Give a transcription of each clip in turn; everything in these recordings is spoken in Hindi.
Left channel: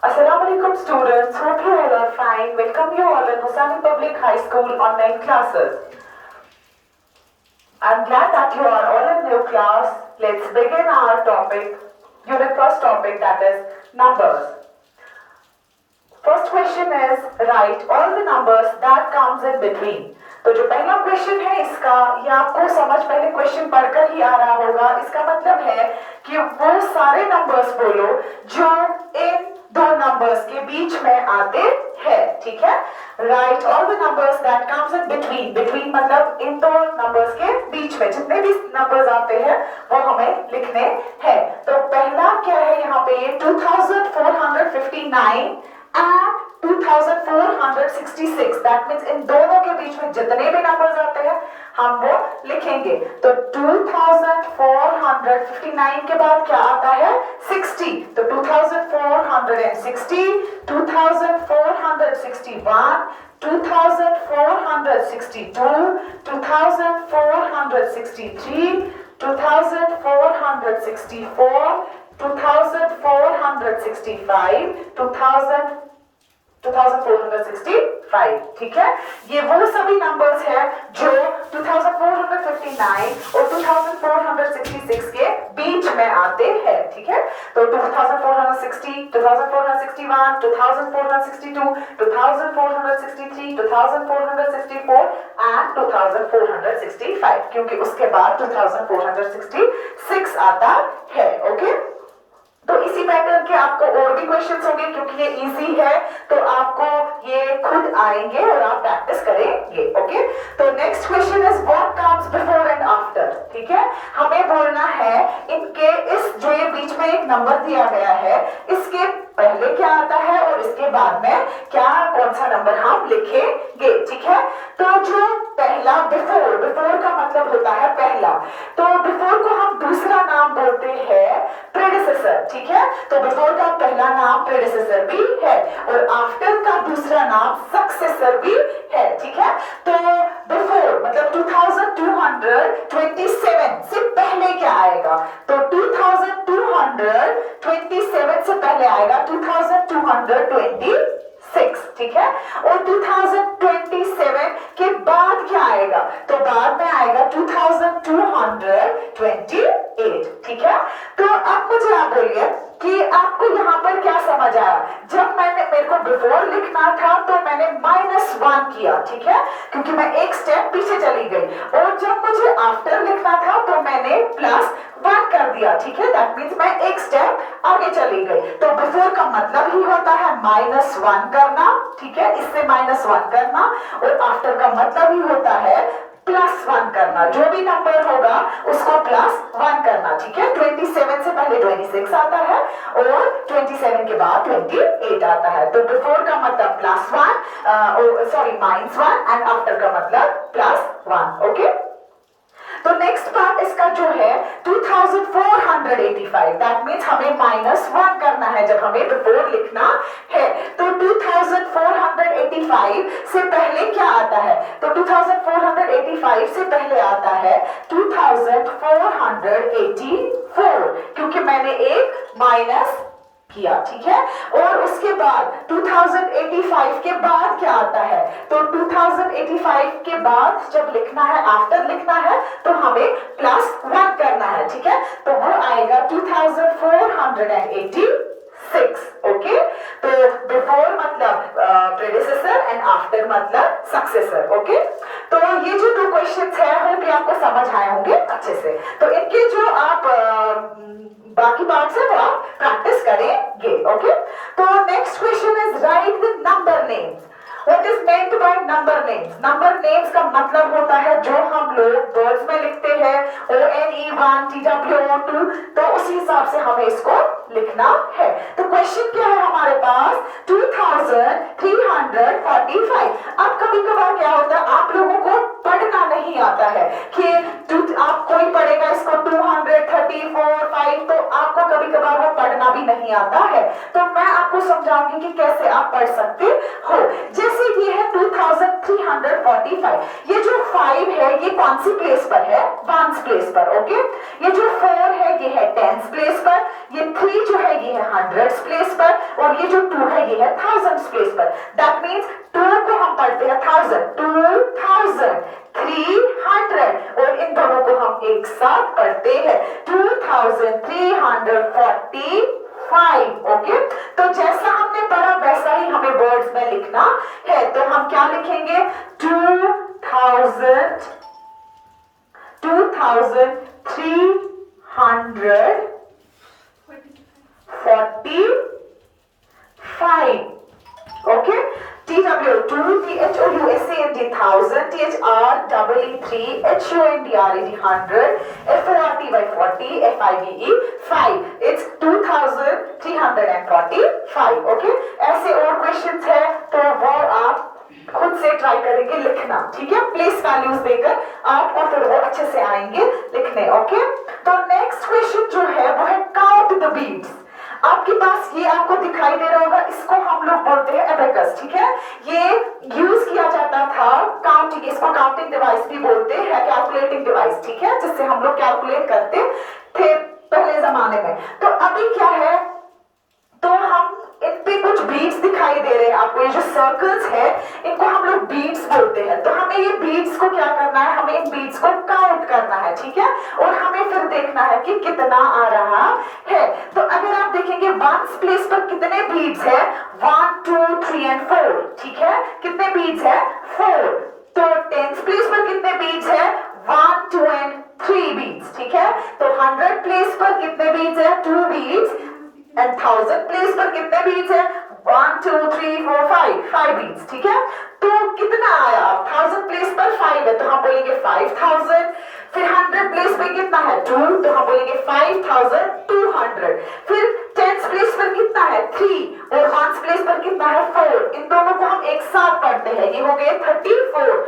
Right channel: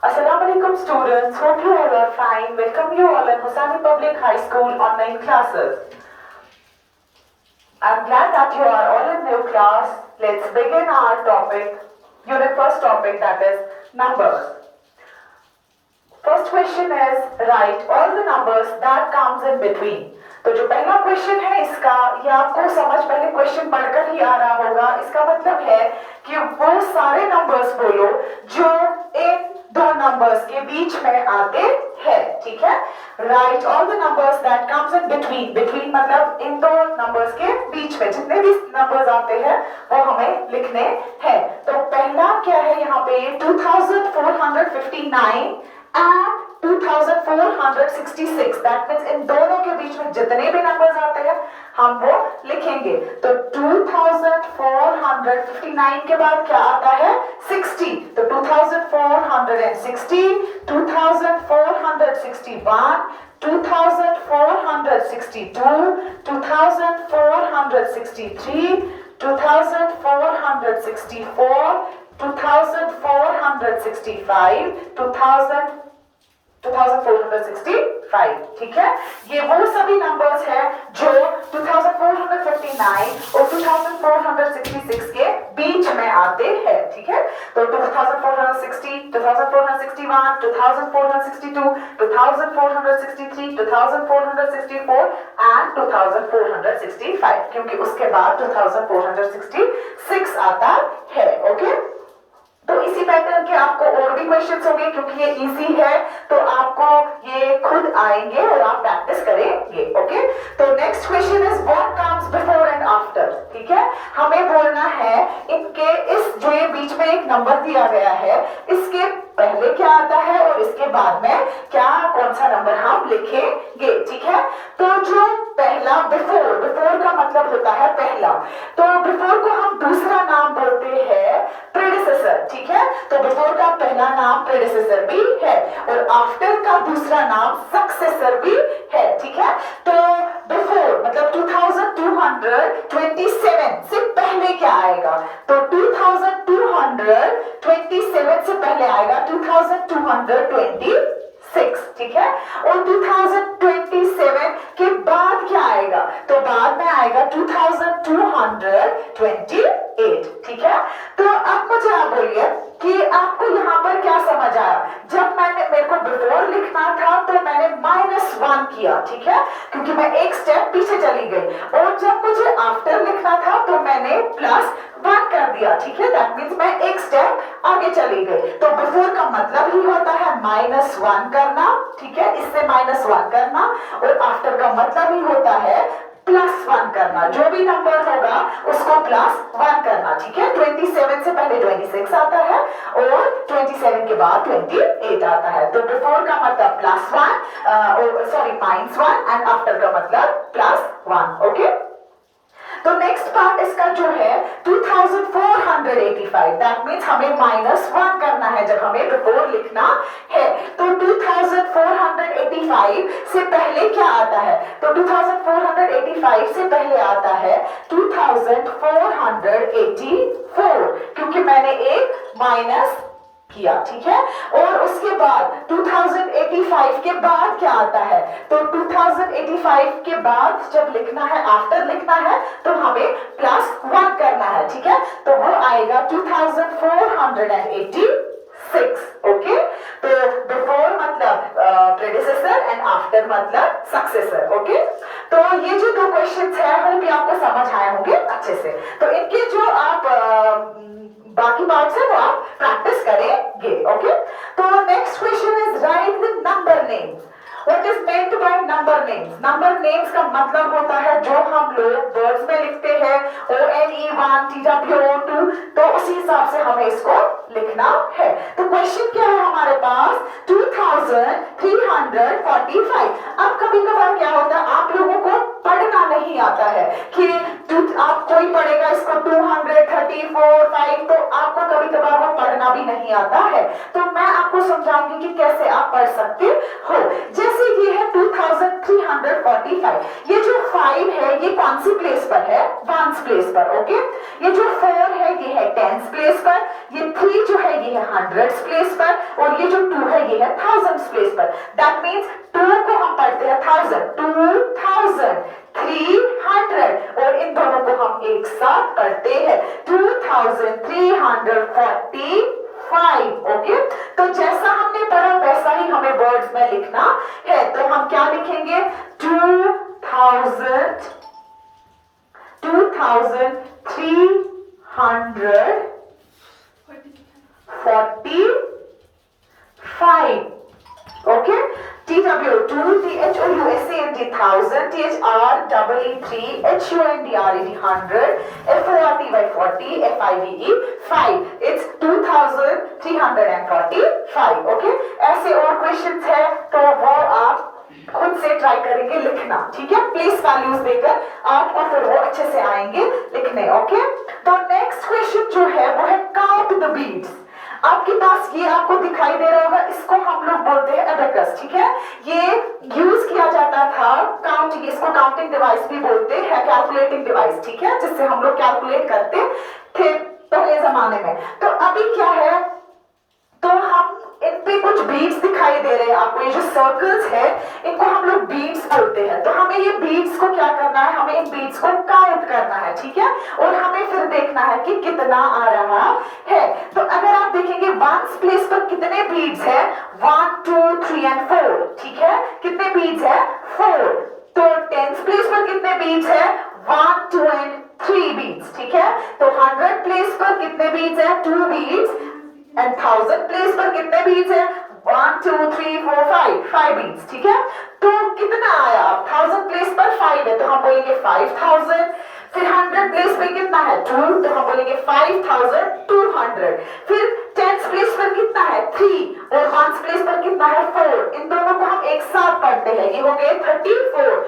Assalamualaikum students, hope you all are fine. Welcome you all in Hosani Public High School online classes. I'm glad that you are all in new class. Let's begin our topic, unit first topic, that is numbers. First question is, write all the numbers that comes in between. तो जो पहला क्वेश्चन है इसका, ये आपको समझ पहले क्वेश्चन पढ़कर ही आ रहा होगा। इसका मतलब है कि वो सारे नंबर्स बोलो जो इन दो नंबर्स के बीच में आते हैं, ठीक है। Right all the numbers that comes in between, between मतलब इन दो नंबर्स के बीच में जितने भी नंबर्स आते हैं वो हमें लिखने हैं। तो पहला क्या है यहाँ पे, 2459 एंड 2466, दैट मीन्स इन दोनों के बीच में जितने भी नंबर्स आते हैं हम वो लिखेंगे। तो 2459 के बाद क्या आता है, 60, तो 2460, 2461, 2462, 2463, 2464, 2465, 2465, ठीक है। ये वो सभी नंबर्स हैं जो 2459 और 2466 के बीच में आते हैं, ठीक है। तो 2460, 2461, 2462, 2463, 2464 एंड 2465, क्योंकि उसके बाद 2466 आता है, ओके। तो इसी पैटर्न के आपको और भी क्वेश्चंस होंगे, क्योंकि ये इजी है तो आपको ये खुद आएंगे और आप प्रैक्टिस करेंगे, ओके। तो next question is what comes before and after, ठीक है। हमें बोलना है इनके इस जो ये बीच में एक नंबर दिया गया है इसके पहले क्या आता है और इसके बाद में क्या कौन सा नंबर हम लिखेंगे, ठीक है। तो जो पहला बिफोर, बिफोर का मतलब होता है पहला, तो बिफोर को हम दूसरा नाम बोलते हैं प्रेडिसेसर, ठीक है। तो बिफोर का पहला नाम प्रेडिसेसर भी है और आफ्टर का दूसरा नाम सक्सेसर भी है, ठीक है। तो बिफोर मतलब 2227 से पहले क्या आएगा, तो 2227 से पहले आएगा 2226, ठीक है। और 2027 के बाद क्या आएगा, तो बाद में आएगा 2228, ठीक है। तो अब मुझे आप बोलिए कि आपको यहाँ पर क्या समझ आया। जब मेरे को बिफोर लिखना था तो मैंने -1 किया, ठीक है, क्योंकि मैं एक स्टेप पीछे चली गई। और जब मुझे आफ्टर लिखना था तो मैंने +1 कर दिया, ठीक है, दैट मीन्स मैं एक स्टेप आगे चली गई। तो बिफोर का मतलब ही होता है -1 करना, ठीक है, इससे -1 करना, और आफ्टर का मतलब ही होता है +1 करना। जो भी नंबर होगा उसको +1 करना, ठीक है। 27 से पहले 26 आता है और 27 के बाद 28 आता है। तो बिफोर का मतलब +1, सॉरी -1 एंड आफ्टर का मतलब +1, ओके। तो नेक्स्ट पार्ट इसका जो है 2485, दैट मीन्स हमें -1 करना है जब हमें बिफोर लिखना है। तो 2485 से पहले क्या आता है, तो 2485 से पहले आता है 2484, क्योंकि मैंने एक माइनस किया, ठीक है। और उसके बाद 2085 के बाद क्या आता है, तो 2085 के बाद जब लिखना है, आफ्टर लिखना है, तो हमें +1 करना है, ठीक है। तो वो आएगा 2486, ओके। तो बिफोर मतलब प्रेडिसेसर एंड आफ्टर मतलब सक्सेसर, ओके। तो ये जो दो क्वेश्चंस है होप ये आपको समझ आए होंगे अच्छे से। तो इनके जो आप बाकी पार्ट्स है वो आप प्रैक्टिस करेंगे, ओके। तो next question is right the number names. What is meant by number names? Number names का मतलब होता है जो हम लोग वर्ड्स में लिखते हैं, ONE1, TWO2, तो उसी हिसाब से हमें इसको लिखना है। तो क्वेश्चन क्या है हमारे पास, 2345। अब कभी कभार क्या होता है, आप लोगों को पढ़ना नहीं आता है कि आप कोई पढ़ेगा इसको 234, 5, तो आपको कभी कभार वो पढ़ना भी नहीं आता है। तो मैं आपको समझाऊंगी कि कैसे आप पढ़ सकते हो। जैसे ये है 2345, ये जो 5 है ये कौन सी प्लेस पर है, 1's प्लेस पर, ओके। ये जो 4 है ये है 10's प्लेस पर, ये 3 जो है ये है हंड्रेड्स प्लेस पर, और ये जो 2 है ये है थाउजेंड्स प्लेस पर। दैट मीन्स 2 को हम पढ़ते हैं 1000, 2000, 300, और इन दोनों को हम एक साथ पढ़ते हैं 2345। ओके, तो जैसा हमने पढ़ा वैसा ही हमें वर्ड्स में लिखना है। तो हम क्या लिखेंगे? 2345। Okay, TW 2 THOUSAND 1000, THREE 3HUNDRED 100, FORTY 40, FIVE 5। It's 2345। Okay, ऐसे और क्वेश्चंस है तो वो आप खुद से ट्राई करेंगे लिखना, ठीक है? प्लेस वैल्यूज देकर आपको फिर वो अच्छे से आएंगे लिखने। ओके, तो नेक्स्ट क्वेश्चन जो है वो है काउंट द बीट्स। आपके पास ये आपको दिखाई दे रहा होगा, इसको हम लोग बोलते हैं एबेकस, ठीक है? ये यूज किया जाता था काउंटिंग, इसको काउंटिंग डिवाइस भी बोलते हैं, कैलकुलेटिंग डिवाइस, ठीक है? जिससे हम लोग कैलकुलेट करते थे पहले जमाने में। तो अभी क्या है, तो हम इन पे कुछ बीट्स दिखाई दे रहे हैं आपको, ये जो सर्कल्स है इनको हम लोग बीट्स बोलते हैं। तो हमें ये बीट्स को क्या करना है, हमें इन बीट्स को काउंट करना है, ठीक है? और हमें फिर देखना है कि कितना आ रहा है। तो अगर आप देखेंगे वंस प्लेस पर कितने बीट्स है, 1 2 3 और 4, ठीक है? कितने बीट्स है? 4। तो टेंस प्लेस पर कितने बीट्स है? 1 2 और 3 बीट्स, ठीक है? तो 100 प्लेस पर कितने बीट्स है? 2 बीट्स। एंड 1000 प्लेस पर कितने बीट्स है? 1 2 3 4 5 बीट्स, ठीक है? तो कितना आया? 1000 प्लेस पर 5 है तो हम बोलेंगे 5000। फिर 100 प्लेस पे कितना है? 2, तो हम बोलेंगे 5200। फिर 10th प्लेस पर कितना है? 3, और 1st प्लेस पर कितना है? 4। इन दोनों को हम एक साथ पढ़ते हैं, ये हो गए 34।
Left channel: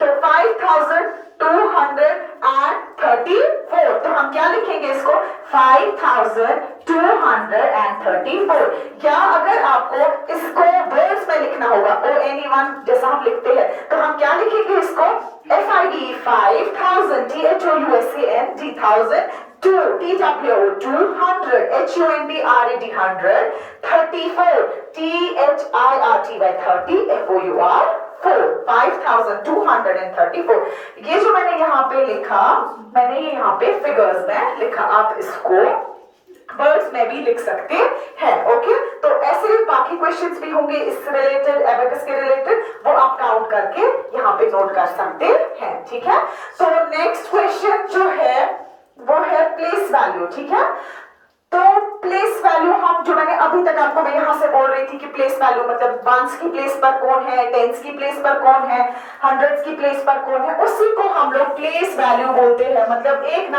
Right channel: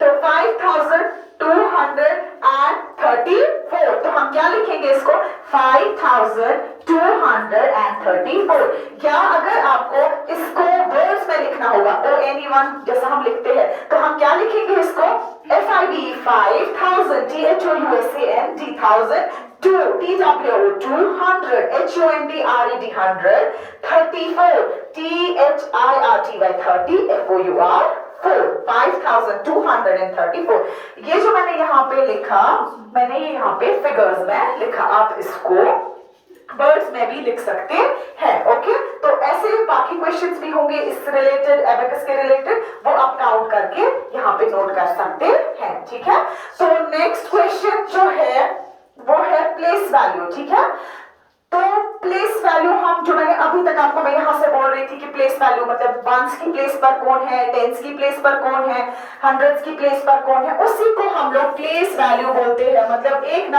तो 5234। तो हम क्या लिखेंगे इसको? 5234। या अगर आपको इसको वर्ड्स में लिखना होगा, ONE1 जैसा हम लिखते हैं, तो हम क्या लिखेंगे इसको? FIVE 5000, THOUSAND 1000, 2 TWO 200, HUNDRED 100, 34 THIRTY 30, FOUR 5234। ये जो मैंने यहाँ पे लिखा, मैंने ये यहाँ पे फिगर्स में लिखा, आप इसको वर्ड्स में भी लिख सकते हैं। ओके, तो ऐसे बाकी क्वेश्चंस भी होंगे इस रिलेटेड, एबेकस के रिलेटेड, वो आप काउंट करके यहाँ पे नोट कर सकते हैं, ठीक है? तो नेक्स्ट क्वेश्चन जो है वो है प्लेस वैल्यू, ठीक है? तो प्लेस वैल्यू हम जो मैंने अभी तक आपको, मैं यहां से बोल रही थी कि प्लेस वैल्यू मतलब वंस की प्लेस पर कौन है, टेंस की प्लेस पर कौन है, हंड्रेड्स की प्लेस पर कौन है, उसी को हम लोग प्लेस वैल्यू बोलते हैं। मतलब एक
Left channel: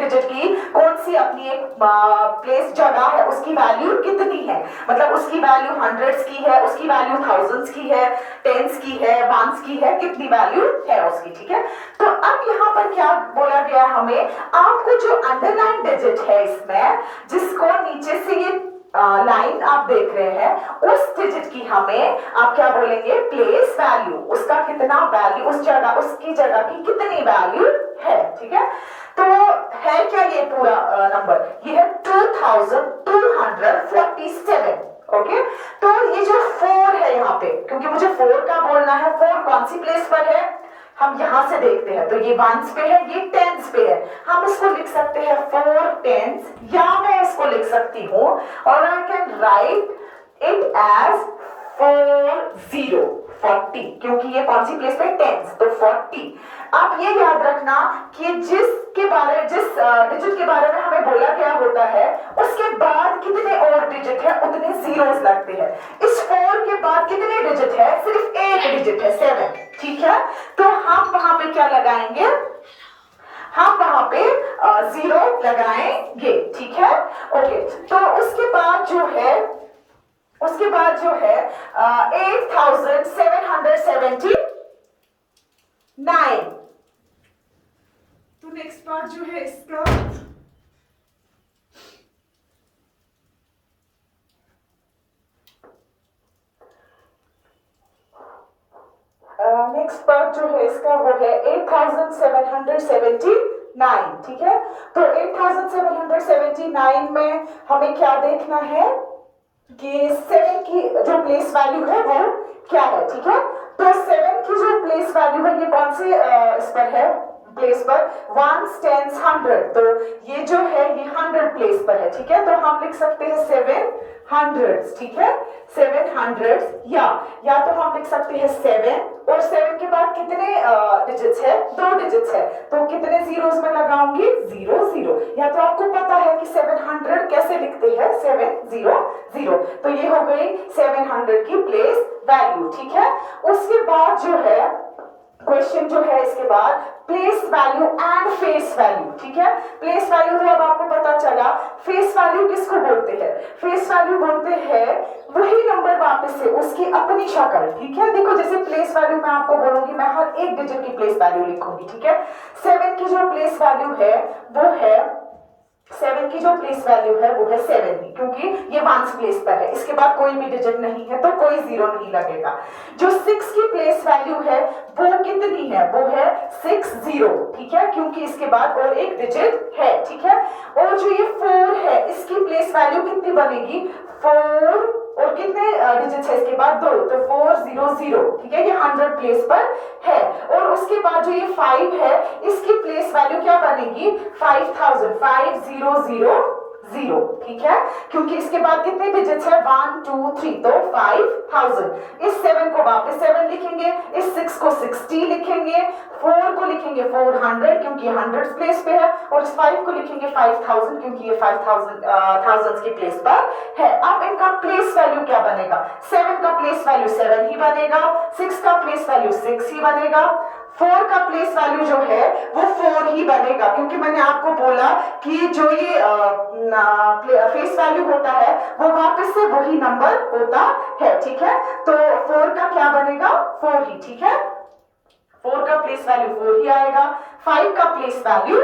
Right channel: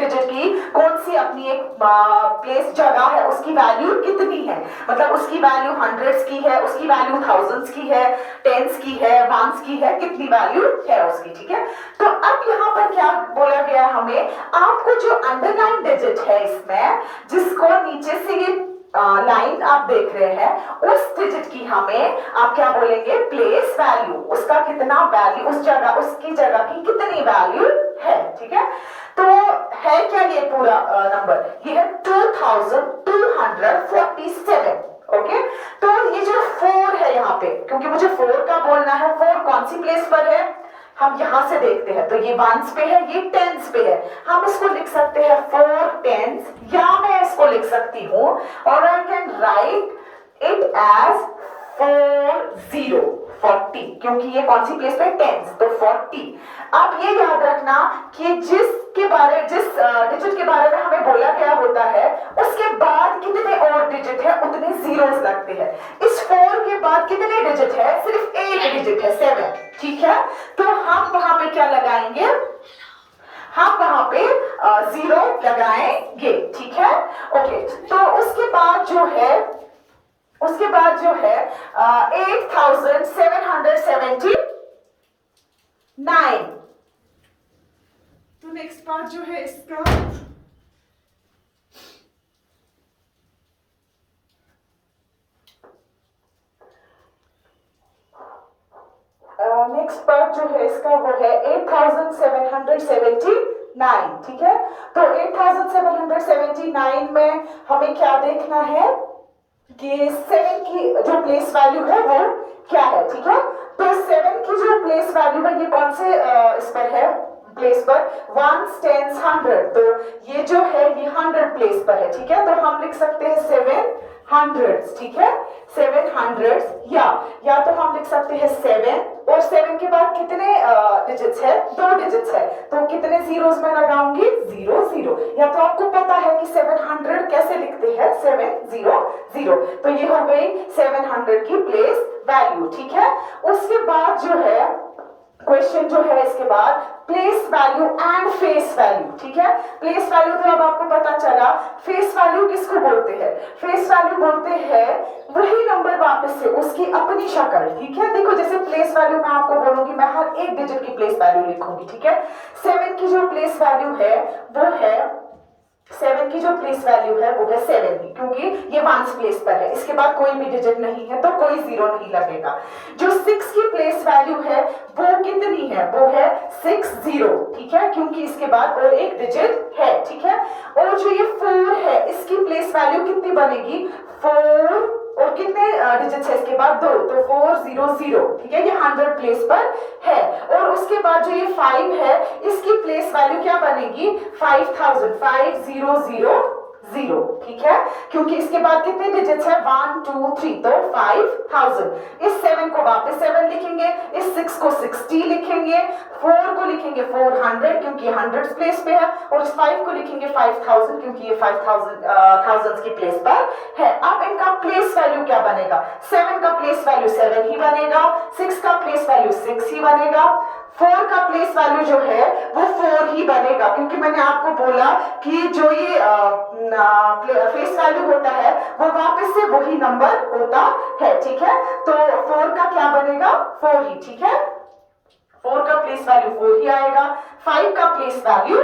डिजिट की कौन सी अपनी एक प्लेस जगह है, उसकी वैल्यू कितनी है, मतलब उसकी वैल्यू हंड्रेड्स की है, उसकी वैल्यू थाउजेंड्स की है, टेंस की है, वंस की है, कितनी वैल्यू है उसकी, ठीक है? तो अब यहाँ पर क्या बोला गया है हमें, आपको जो अंडरलाइन डिजिट है इसमें, जिसको नीचे से ये लाइन आप देख रहे हैं, उस डिजिट की हमें आप क्या बोलेंगे? Place value. उसका कितना वैल्यू, उस जगह, उसकी जगह की कितनी वैल्यू है, ठीक है? तो है क्या ये पूरा नंबर? ये है 2247। ओके, तो ये जो 4 है यहाँ पे, क्योंकि मुझे 4 का बोलना है, 4 कौन सी प्लेस पर है, हम यहां से देखते हैं, तो ये वंस पे है, ये टेंस पे है। हम इसको लिख सकते हैं 4 टेंस, या मैं इसको लिख सकती हूं, और I can write it as 40, क्योंकि ये कौन सी प्लेस पे? टेंस, तो 40। आप ये याद रखना कि जिस डिजिट के बारे में हमें बोला गया होता है, उसके बाद कितने और डिजिट है उतने जीरोस लगते हैं। इस 4 के बाद कितने डिजिट है? सिर्फ एक डिजिट है, 7, ठीक है? तो हम वहां पे क्या लगाएंगे? हम वहां पे 0 लगाएंगे, ठीक है? ओके, तो उसके बाद जो है 8779। तो नेक्स्ट पार्ट जो है इसका, नेक्स्ट पार्ट जो है इसका वो है 8779। 9, ठीक है। तो 8779 में हमें क्या देखना है कि 7 की जो प्लेस वैल्यू है वो क्या है, ठीक है। तो 7 की जो प्लेस वैल्यू है ये कौन से इस पर है, प्लेस पर 1 10 100, तो ये जो है ये 100 प्लेस पर है, ठीक है। तो हम लिख सकते हैं 700, ठीक है, 700, या तो हम लिख सकते हैं 7 और 7 के बाद कितने डिजिट्स है, 2 डिजिट्स है, तो कितने जीरोस में लगाऊंगी, 0 0, या तो आपको पता है कि 700 कैसे लिखते हैं, 700, तो ये हो गई 700 की प्लेस वैल्यू, ठीक है। उसके बाद जो है क्वेश्चन जो है इसके बाद place value and face value, ठीक है। प्लेस वैल्यू तो अब आपको पता चला, फेस वैल्यू किसको बोलते हैं, फेस वैल्यू बोलते हैं वही नंबर वापस से उसकी अपनी शक्ल, ठीक है। देखो जैसे प्लेस वैल्यू मैं आपको बोलूंगी, मैं हर एक डिजिट की प्लेस वैल्यू लिखूंगी, ठीक है। 7 की जो प्लेस वैल्यू है वो है 7 की जो प्लेस वैल्यू है वो है 7 ही, क्योंकि ये वंस प्लेस पर है, इसके बाद कोई भी डिजिट नहीं है तो कोई जीरो नहीं लगेगा। जो 6 की प्लेस वैल्यू है वो कितनी है, वो है 60, ठीक है, क्योंकि इसके बाद और एक डिजिट है, ठीक है। और जो ये 4 है इसकी प्लेस वैल्यू कितनी बनेगी, 4 और कितने डिजिट्स है इसके बाद 2, तो 400, ठीक है, ये 100 प्लेस पर है। और उसके बाद जो ये 5 है इसकी प्लेस वैल्यू क्या बनेगी, 5000, 5000, ठीक है, क्योंकि इसके बाद कितने डिजिट्स है, 1 2 3, तो 5000। इस 7 को वापस 7 लिखेंगे, इस 6 को 60 लिखेंगे, 4 को लिखेंगे 400 क्योंकि 100 प्लेस पे है, और इस 5 को लिखेंगे 5000 क्योंकि ये 5000 की प्लेस पर है। अब इनका प्लेस वैल्यू क्या बनेगा, 7 का प्लेस वैल्यू 7 ही बनेगा, 6 का प्लेस वैल्यू 6 ही बनेगा, 4 का प्लेस वैल्यू जो है वो 4 ही बनेगा, क्योंकि मैंने आपको बोला कि जो ये फेस वैल्यू होता है वो वापस से वही नंबर होता है, ठीक है। तो 4 का क्या बनेगा, 4 ही, ठीक है, 4 का प्लेस वैल्यू 4 ही आएगा, 5 का प्लेस वैल्यू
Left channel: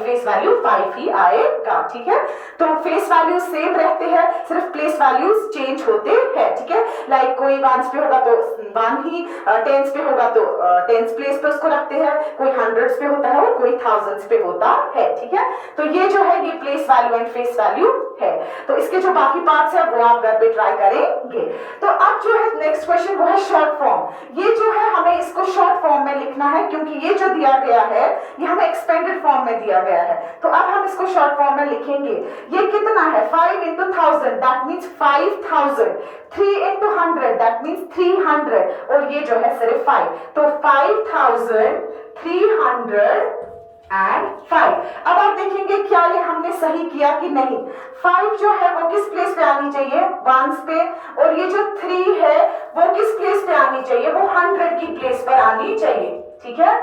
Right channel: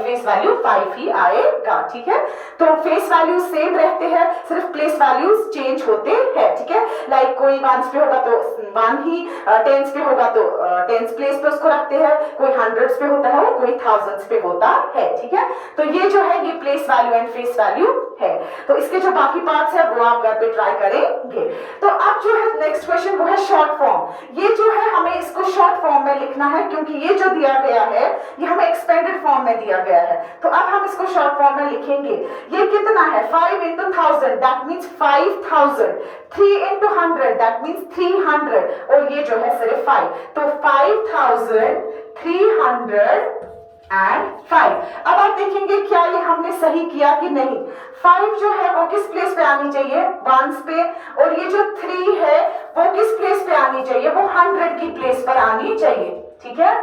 फेस वैल्यू 5 ही आएगा, ठीक है। तो फेस वैल्यू सेम रहते हैं, सिर्फ प्लेस वैल्यूज चेंज होते हैं, ठीक है। लाइक कोई वंस पे होगा तो 1 ही, टेंस पे होगा तो टेंस प्लेस पे उसको रखते हैं, कोई हंड्रेड्स पे होता है और कोई थाउजेंड्स पे होता है, ठीक है। तो ये जो है ये place value and face value है। तो इसके जो बाकी पार्ट्स है वो आप घर पे ट्राई करेंगे। तो अब जो है नेक्स्ट क्वेश्चन वो है शॉर्ट फॉर्म। ये जो है हमें इसको शॉर्ट फॉर्म में लिखना है, क्योंकि ये जो दिया गया है ये हमें एक्सपेंडेड फॉर्म में दिया गया है। तो अब हम इसको शॉर्ट फॉर्म में लिखेंगे। ये कितना है, 5 into 1000 that means 5000, 3 into 100 that means 300, और ये जो है सिर्फ 5, तो 5305। अब आप देखेंगे क्या ये हमने सही किया कि नहीं। 5 जो है वो किस प्लेस पे आनी चाहिए, वंस पे, और ये जो 3 है वो किस प्लेस पे आनी चाहिए, वो 100 की प्लेस पर आनी चाहिए, ठीक है,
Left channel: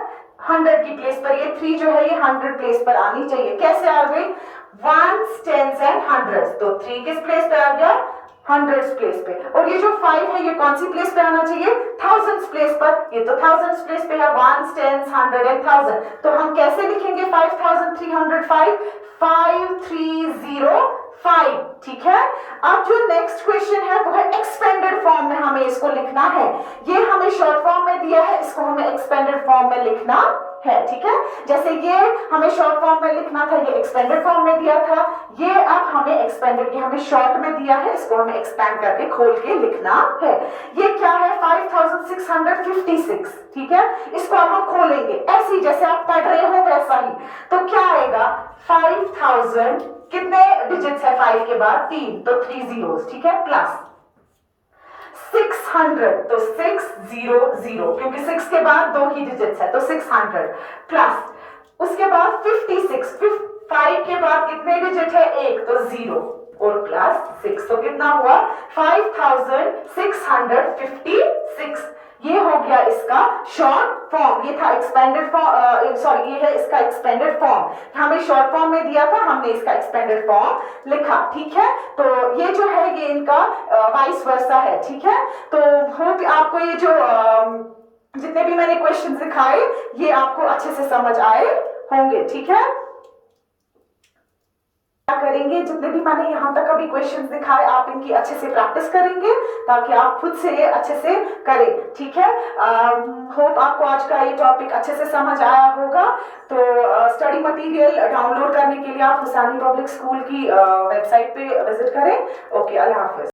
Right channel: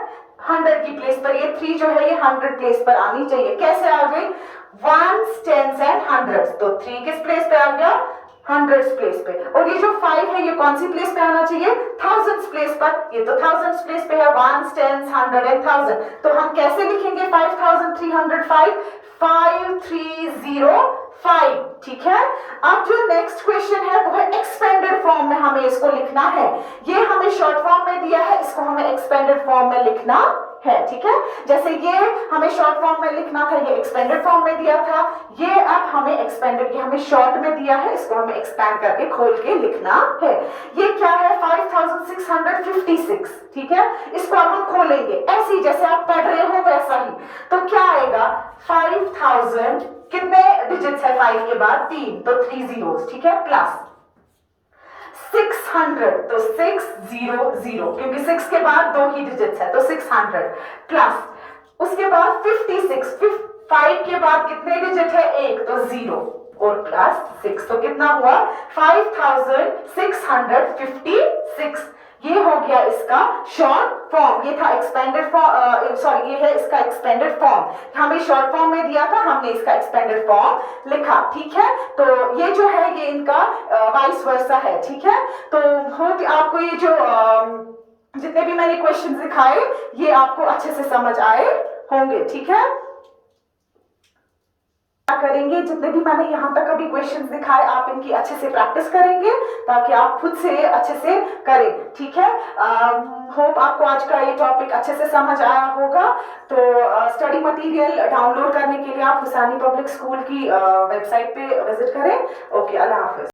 100 की प्लेस पर। ये 3 जो है ये 100 प्लेस पर आनी चाहिए। कैसे आ गई, 1s 10s एंड 100s, तो 3 किस प्लेस पे आ गया, 100s प्लेस पे। और ये जो 5 है ये कौन सी प्लेस पे आना चाहिए, 1000s प्लेस पर, ये तो 1000s प्लेस पे है, 1s 10s 100 एंड 1000। तो हम कैसे लिखेंगे 5305, 5305, ठीक है। अब जो नेक्स्ट क्वेश्चन है वो है एक्सपेंडेड फॉर्म में हमें इसको लिखना है। ये हमें शॉर्ट फॉर्म में दिया है, इसको हमें एक्सपेंडेड फॉर्म में लिखना है, ठीक है। जैसे ये हमें शॉर्ट फॉर्म में लिखना था, ये एक्सपेंडेड फॉर्म में दिया था, ये अब हमें एक्सपेंडेड, ये हमें शॉर्ट में दिया है, इसको हमें एक्सपेंड करके खोल के लिखना है। ये क्या है, 5656, ठीक है। इसको अब हम खोलेंगे ऐसे जैसे आप पढ़ रहे हो वैसा ही। तो क्या आएगा, 5000, कितने डिजिट्स है 5 के बाद, 3, तो 3 zeros, ठीक है, प्लस 600, तो 600, क्योंकि 6 के बाद 2 ही डिजिट्स है, तो 600, प्लस उसके बाद 56, 5 के बाद कितने डिजिट है, 1, तो 0, और प्लस 6, तो कितना हुआ, 5656। ये हो गया इसका शॉर्ट फॉर्म। ये था एक्सपेंडेड फॉर्म, सॉरी ये है इसका एक्सपेंडेड फॉर्म। हमें शॉर्ट फॉर्म में दिया था, हमने इसका एक्सपेंडेड फॉर्म लिखा, ठीक है। तो ये जो है ये इनका वाइस वर्सा है, ठीक है। तो होप आपको ये जो जितने भी मैंने क्वेश्चन दिखाए ये आपको अच्छे से समझ आए होंगे, ठीक है। क्या करें करेंगे। जितने भी मैंने यहाँ तक अभी क्वेश्चंस दिखाए आप इनकी अच्छे से प्रैक्टिस करेंगे ताकि आप खुद से अच्छे से करें, ठीक है। होप आपको आज का ये टॉपिक अच्छे से समझ आया होगा। तो स्टडी मटेरियल डाउनलोड करने के लिए आप हुसैनी पब्लिक स्कूल की वेबसाइट पे विजिट करें। ओके, अल्लाह हाफिज।